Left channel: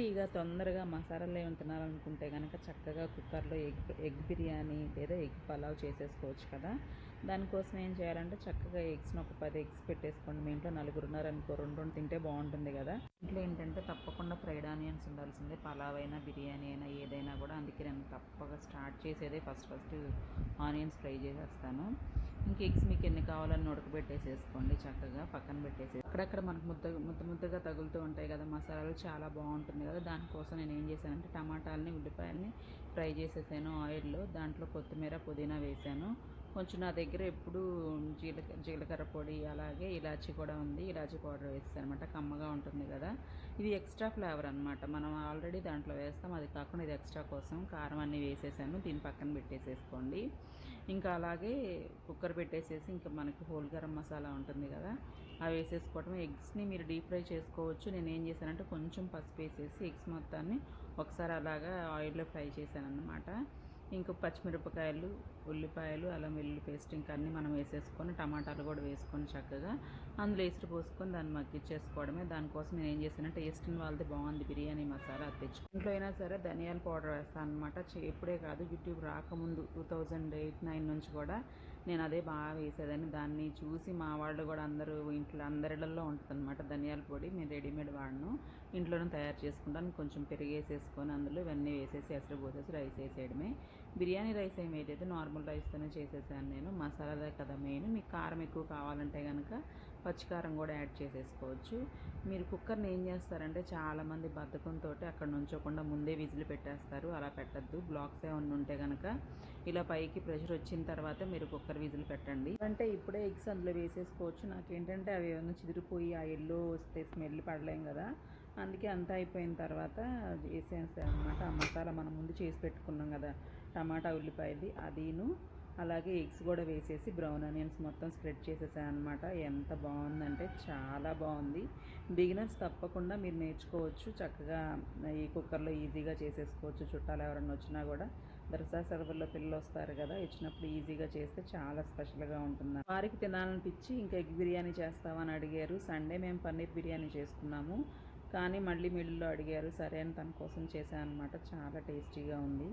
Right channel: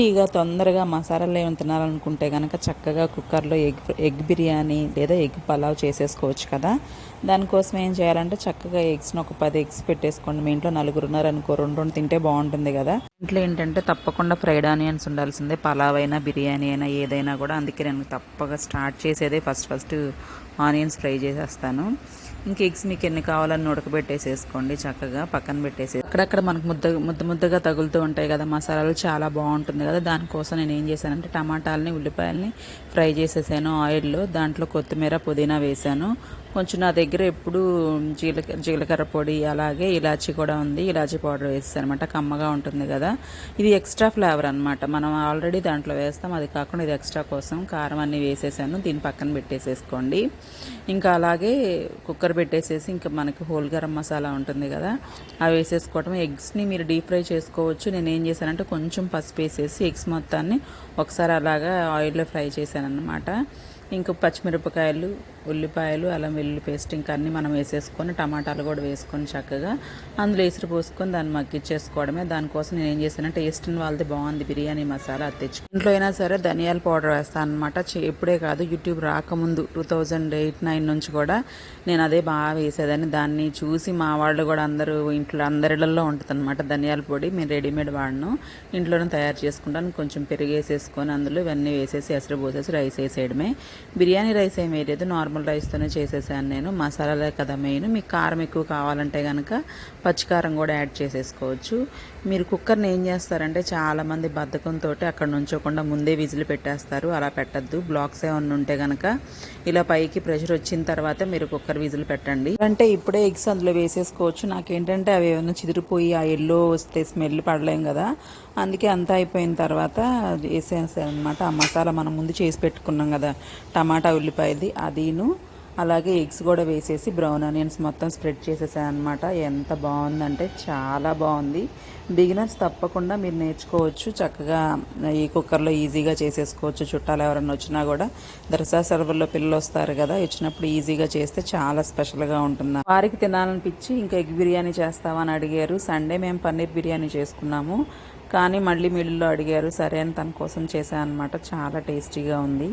టేస్టీగా తొందరగా మసాలాలు ఏమైనా తినాలనుకుంటే కనుక చక్కగా కుక్కర్లో ఎగ్ ఎగ్ బిర్యానీ లేదా ఎగ్ పలావ్ చేసేసుకోవచ్చు కదా. దానికోసం ఏం చేయాలంటే చక్కగా ఎగ్స్ని ఒక పది ఎగ్స్ పెట్టేసుకోండి. మీ ఇంట్లో నలుగురు ఉన్నారనుకో రెండు రెండు తింటే బాగుంటుంది కదా. ఇంట్లో ఏంటంటే తప్పకుండా ఫ్రైడ్ ఆనియన్స్ ఉండాల్సిందే. పలావ్ అయినా బిర్యానీ అయినా ఏదైనా కూడా. అందుకే నేను తప్పగా స్టార్ట్ చేసేదే ఫస్ట్ ఫస్ట్ ఆనియన్స్ ఫ్రై చేసేస్తాను. ఇంక ఎగ్స్ మీకు ఎన్ని కావాలని ఉడకబెట్టేసేసుకోండి చక్కగా. పక్కన పెట్టేసి అక్కడక్కడ మనకు ముద్ద ముద్ద ముద్దగా తగులుతూ ఉంటాయి కదా. మసాలాలు చాలా బాగుంటుంది కదా. దానికోసం నేను ఏం చేశానంటే టమాటాలని ఉల్లిపాయలని ఫ్రై చేసేసాను ఆయిల్లో. దాంట్లో కొత్తిమీర పుదీనా వేసాను కొంచెం నా దగ్గర ఎప్పుడు జీలక జీలకర్ర పొడి అలాగే ఇలాచీ కూడా ఉంది. ఇలాచీ పౌడర్ వేస్తాను అనమాట కమ్మగా ఉంటుంది కదా. ఇది ఎక్స్ట్రా ఫ్లేవర్ అనమాట మనం ఆల్రెడీ దాంట్లో వేస్తాం. అది కాకుండా ఇది ఎక్స్ట్రా కోసం కారం అన్నీ వేసేసాను. దీని పక్కన పెట్టేసేసుకోండి. ఇంకా అలాగే కుక్కర్ పెట్టేసేసి ఇంకా మనకి హోల్ గరం మసాలా ఉంటుంది కదా అవి వేసేసుకోవటం. ఎగ్స్ని మీరు డీప్ ఫ్రై చేసుకోవచ్చు. నేను ఏం చేశానంటే కొంచెం పసుపు వేసేసి ఎగ్స్ మొత్తాన్ని ఒకసారి అలాగా ఆయిల్లో ఫ్రై చేశాను అనమాట ఇంకా పచ్చిమిరపకాయలు ఉల్లిపాయలు అల్లం వెల్లుల్లి పేస్ట్ ఇంకా అన్నీ మనం వేసేసుకొని టమాటాలు కూడా వేసుకొని చక్కగా అందులో ఎసురు పోసుకొని దాన్ని మగ్గిచ్చేసుకోవడమే. దానికోసం నేను ఏం చేశానంటే టేస్ట్ వాళ్ళది బాగుంది. బిర్యానీ మసాలా తెచ్చు ఇంట్లో అయినా సరే ధనియాల పౌడర్ వేస్తాను అనమాట ఎప్పుడే కాదు యూట్యూబ్ రాకముందు టూ థౌజండ్ ఎయిట్ నైన్ నుంచి కూడా నేను అదే బాగా వేసేదాన్ని. దాన్ని చూసి మా వాళ్ళు కూడా అందరూ ఇంట్లో అందరిలో ఉంటుంది అనమాట ధనియాల పొడి. మేము రెడీమేడ్ వాడను. ఇంట్లోనే తయారు చేసుకుంటాను. కొంచెం పెరిగేసేసుకొని అందులో ఇవన్నీ వేసేసి ఎసరు పోసేసి రైస్ వేసేయడమే. బిర్యానీ రైస్ ఏం వేయలేదు. నార్మల్ రైస్తోనే చేసేసాను నేను. మసాలాలే కదా మెయిన్. మీకు కారం ఎక్కువ కావాలంటే కనుక పచ్చికారం కూడా యాడ్ చేసేసుకోవచ్చు. మీరు కుక్కర్ని ఏం చేస్తారంటే చాలామంది బద్ధకంతో అక్కడ నుంచోకుండా ముందే విజిల్ పెట్టేస్తారు. అలా పెట్టద్దు. బ్లాక్స్ ఏమన్నా ఉంటే కనుక ఇలా పైకి ప్రెషర్ వచ్చిన తర్వాత మీరు కుక్కర్ విజిల్ పెట్టండి. అంటే ఇప్పుడే ఎగ్స్ అందులో వేసేసుకోవచ్చు. నాకేంటంటే అవి ఏమైనా చిదిరిపోయి ఆ ఎల్లో వస్తే స్మెల్ పడలేం కదా. అందుకే అంతా అయిపోయిన తర్వాత వేసేసాను అనమాట ఆ మసాలా మనం ముందు చేసి పెట్టుకున్నాం కదా. టమాటా ఉల్లిపాయది అదిను అలాగే ఎగ్స్ కూడా వేసేసి బ్రౌన్ ఆనియన్స్ మొత్తం స్ప్రెడ్ చేసేసాను అనమాట ఎంత బాగుందంటే చాలా బాగుంది. బిగినర్స్ తప్పకుండా మీరు నేర్చుకోవచ్చు చక్కగా ఈ కుక్కర్లో ఈజీగా చేసేసుకోవచ్చు. చుట్టాలు ఎవరైనా వచ్చినా కూడా దర్శా సర్వర్లో పిల్లలు వస్తారు కదా వచ్చినప్పుడు ఈజీగా చేస్తే చాలా స్పెషల్గా ఉంటుంది. వారికి తినాలనిపించి ఇంకా ఎగ్ బిర్యానీ చేస్తామని అడిగారు. సండే మేము పన్నీర్ బిర్యానీ చేసుకున్నాము. కానీ మళ్ళీ మిడిల్లో అడిగారు సరే అని తన కోసం చేశాను అనమాట చాలా టేస్టీగా ఉంది.